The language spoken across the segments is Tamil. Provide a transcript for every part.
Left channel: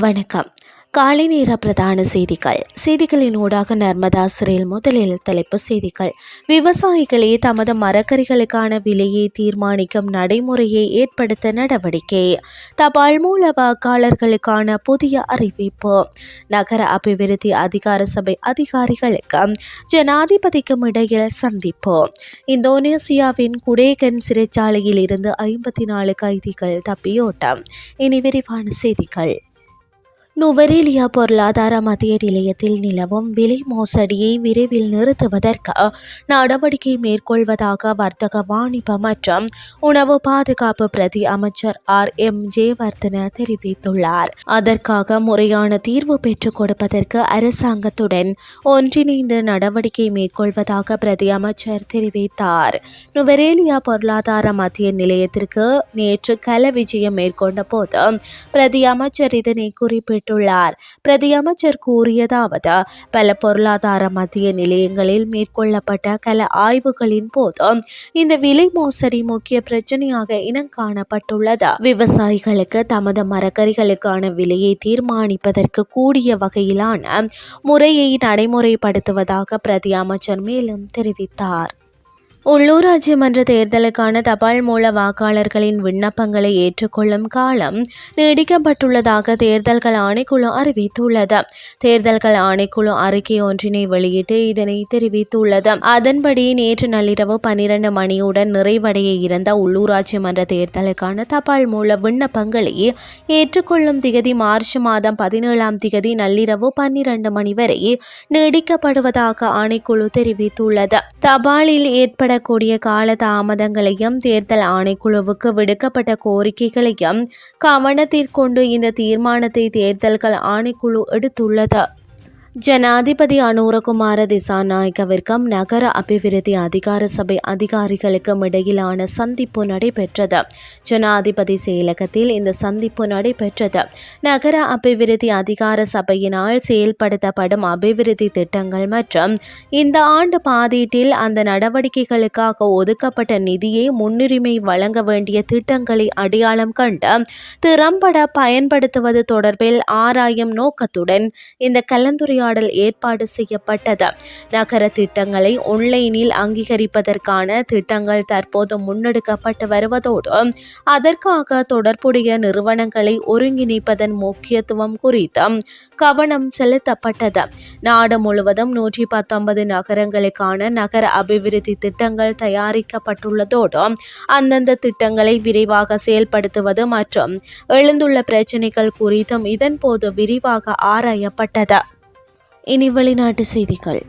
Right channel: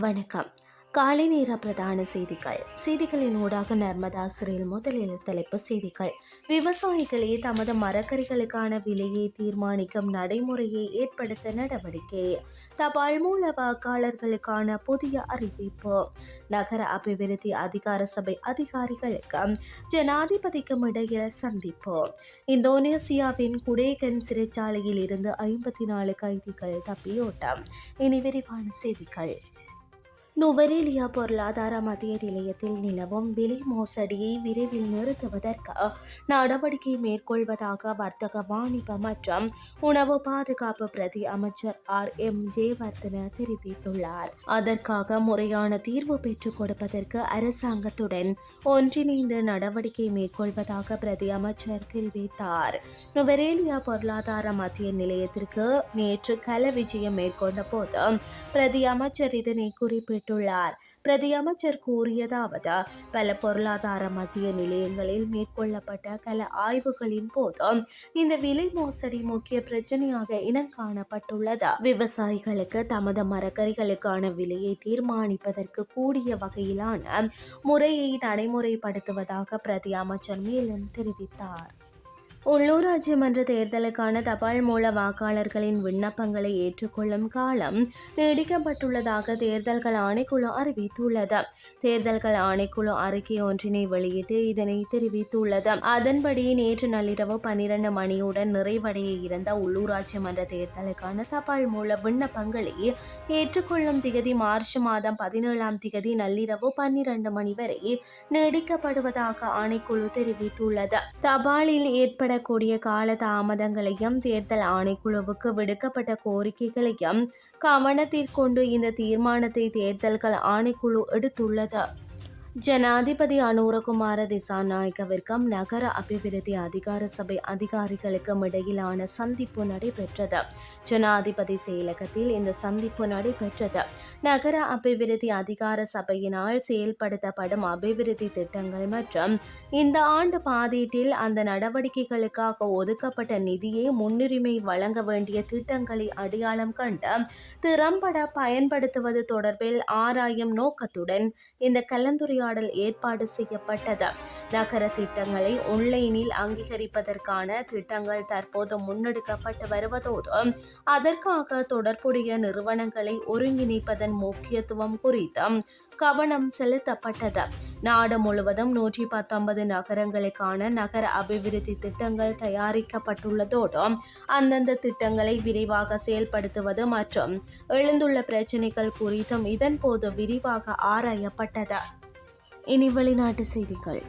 வணக்கம். காலை நேர பிரதான செய்திகள். செய்திகளின் ஊடாக நர்மதா சிறையில் முதலில் தலைப்பு செய்திகள். விவசாயிகளே தமது மரக்கறிகளுக்கான விலையை தீர்மானிக்கும் நடைமுறையை ஏற்படுத்த நடவடிக்கை. தபால் மூல வாக்காளர்களுக்கான புதிய அறிவிப்பு. நகர அபிவிருத்தி அதிகார சபை அதிகாரிகளுக்கும் ஜனாதிபதிக்கும் இடையில் சந்திப்பு. இந்தோனேசியாவின் குடேகன் சிறைச்சாலையில் இருந்து ஐம்பத்தி நாலு கைதிகள் தப்பியோட்டம். இனி விரிவான செய்திகள். நுவரேலியா பொருளாதார மத்திய நிலையத்தில் நிலவும் விலை மோசடியை விரைவில் நிறுத்துவதற்கு நடவடிக்கை மேற்கொள்வதாக வர்த்தக வாணிப மற்றும் உணவு பாதுகாப்பு பிரதி அமைச்சர் ஆர். எம். ஜெயவர்தன தெரிவித்துள்ளார். அதற்காக முறையான தீர்வு பெற்றுக் கொடுப்பதற்கு அரசாங்கத்துடன் ஒன்றிணைந்து நடவடிக்கை மேற்கொள்வதாக பிரதி அமைச்சர் தெரிவித்தார். நுவரேலியா பொருளாதார மத்திய நிலையத்திற்கு நேற்று கல விஜயம் மேற்கொண்ட போது பிரதி அமைச்சர் இதனை குறிப்பிட்டார் குறிப்பிட்டுள்ளார் பிரதியமைச்சர் கூறியதாவது பல பொருளாதார மத்திய நிலையங்களில் மேற்கொள்ளப்பட்ட கல ஆய்வுகளின் போது இந்த விலை மோசடி முக்கிய பிரச்சனையாக இனம் காணப்பட்டுள்ளது. விவசாயிகளுக்கு தமது மரக்கறிகளுக்கான விலையை தீர்மானிப்பதற்கு கூடிய வகையிலான முறையை நடைமுறைப்படுத்துவதாக பிரதி அமைச்சர் மேலும் தெரிவித்தார். உள்ளூராட்சி மன்ற தேர்தலுக்கான தபால் மூல வாக்காளர்களின் விண்ணப்பங்களை ஏற்றுக்கொள்ளும் காலம் நீடிக்கப்பட்டுள்ளதாக தேர்தல்கள் ஆணைக்குழு அறிவித்துள்ளது. தேர்தல்கள் ஆணைக்குழு அறிக்கை ஒன்றினை வெளியிட்டு இதனை தெரிவித்துள்ளது. அதன்படி நேற்று நள்ளிரவு பனிரெண்டு மணியுடன் நிறைவடைய இருந்த உள்ளூராட்சி மன்ற தேர்தலுக்கான தபால் மூல விண்ணப்பங்களை ஏற்றுக்கொள்ளும் திகதி மார்ச் மாதம் பதினேழாம் திகதி நள்ளிரவு பன்னிரண்டு மணி வரை நீடிக்கப்படுவதாக ஆணைக்குழு தெரிவித்துள்ளது. தபாலில் ஏற்பட ஏற்படக்கூடிய கால தாமதங்களையும் தேர்தல் ஆணைக்குழுவுக்கு விடுக்கப்பட்ட கோரிக்கைகளையும் கவனத்திற்கொண்டு இந்த தீர்மானத்தை தேர்தல்கள் ஆணைக்குழு எடுத்துள்ளது. ஜனாதிபதி அனுரகுமார திசாநாயக்கவிற்கும் நகர அபிவிருத்தி அதிகார சபை அதிகாரிகளுக்கும் இடையிலான சந்திப்பு நடைபெற்றது. ஜனாதிபதி செயலகத்தில் இந்த சந்திப்பு நடைபெற்றது. நகர அபிவிருத்தி அதிகார சபையினால் செயல்படுத்தப்படும் அபிவிருத்தி திட்டங்கள் மற்றும் இந்த ஆண்டு பாதீட்டில் அந்த நடவடிக்கைகளுக்காக ஒதுக்கப்பட்ட நிதியை முன்னுரிமை வழங்க வேண்டிய திட்டங்களை அடையாளம் கண்டு திறம்பட பயன்படுத்துவது தொடர்பில் ஆராயும் நோக்கத்துடன் இந்த கலந்துரையாடல் உரையாடல் ஏற்பாடு செய்யப்பட்டது. நகர திட்டங்களை ஒன்லைனில் அங்கீகரிப்பதற்கான திட்டங்கள் தற்போது முன்னெடுக்கப்பட்டு வருவதோடு அதற்காக தொடர்புடைய நிறுவனங்களை ஒருங்கிணைப்பதன் முக்கியத்துவம் குறித்து கவனம் செலுத்தப்பட்டது. நாடு முழுவதும் நூற்றி பத்தொன்பது நகரங்களுக்கான நகர அபிவிருத்தி திட்டங்கள் தயாரிக்கப்பட்டுள்ளதோடு அந்தந்த திட்டங்களை விரைவாக செயல்படுத்துவது மற்றும் எழுந்துள்ள பிரச்சினைகள் குறித்தும் இதன்போது விரிவாக ஆராயப்பட்டது. இனி வெளிநாட்டு செய்திகள்.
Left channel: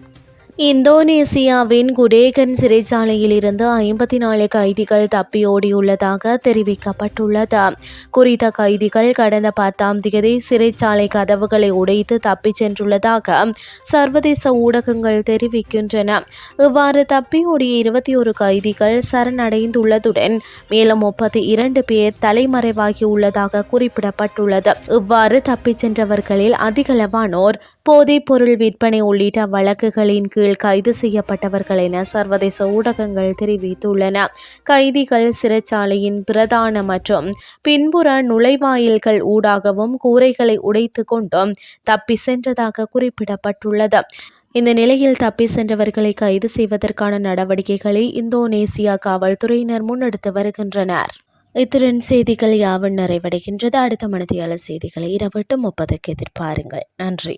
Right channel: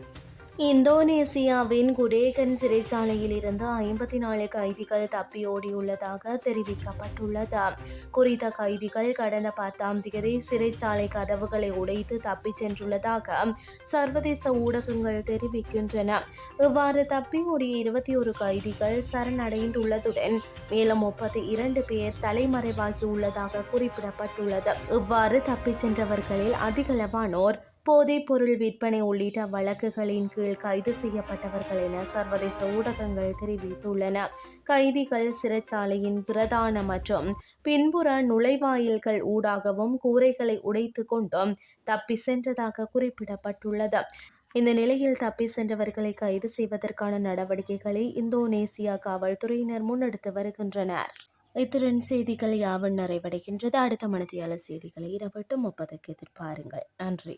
இந்தோனேசியாவின் குடேகன் சிறைச்சாலையில் இருந்து ஐம்பத்தி நாலு கைதிகள் தப்பியோடியுள்ளதாக தெரிவிக்கப்பட்டுள்ளது. குறித்த கைதிகள் கடந்த பத்தாம் தேதி சிறைச்சாலை கதவுகளை உடைத்து தப்பிச் சென்றுள்ளதாக சர்வதேச ஊடகங்கள் தெரிவிக்கின்றன. இவ்வாறு தப்பியோடிய இருபத்தி ஒரு கைதிகள் சரணடைந்துள்ளதுடன் மேலும் முப்பத்தி இரண்டு பேர் தலைமறைவாகியுள்ளதாக குறிப்பிடப்பட்டுள்ளது. இவ்வாறு தப்பிச் சென்றவர்களில் அதிகளவானோர் போதைப்பொருள் விற்பனை உள்ளிட்ட வழக்குகளின் கீழ் கைது செய்யப்பட்டவர்கள் என சர்வதேச ஊடகங்கள் தெரிவித்துள்ளன. கைதிகள் சிறைச்சாலையின் பிரதான மற்றும் பின்புற நுழைவாயில்கள் ஊடாகவும் கூரைகளை உடைத்து கொண்டும் தப்பி சென்றதாக குறிப்பிடப்பட்டுள்ளது. இந்த நிலையில் தப்பி சென்றவர்களை கைது செய்வதற்கான நடவடிக்கைகளை இந்தோனேசியா காவல்துறையினர் முன்னெடுத்து வருகின்றனர். இத்துடன் செய்திகள் யாவும் நிறைவடைகின்றது. அடுத்த மனதியாள செய்திகளை இரவட்டு முப்பதுக்கு எதிர்பாருங்கள். நன்றி.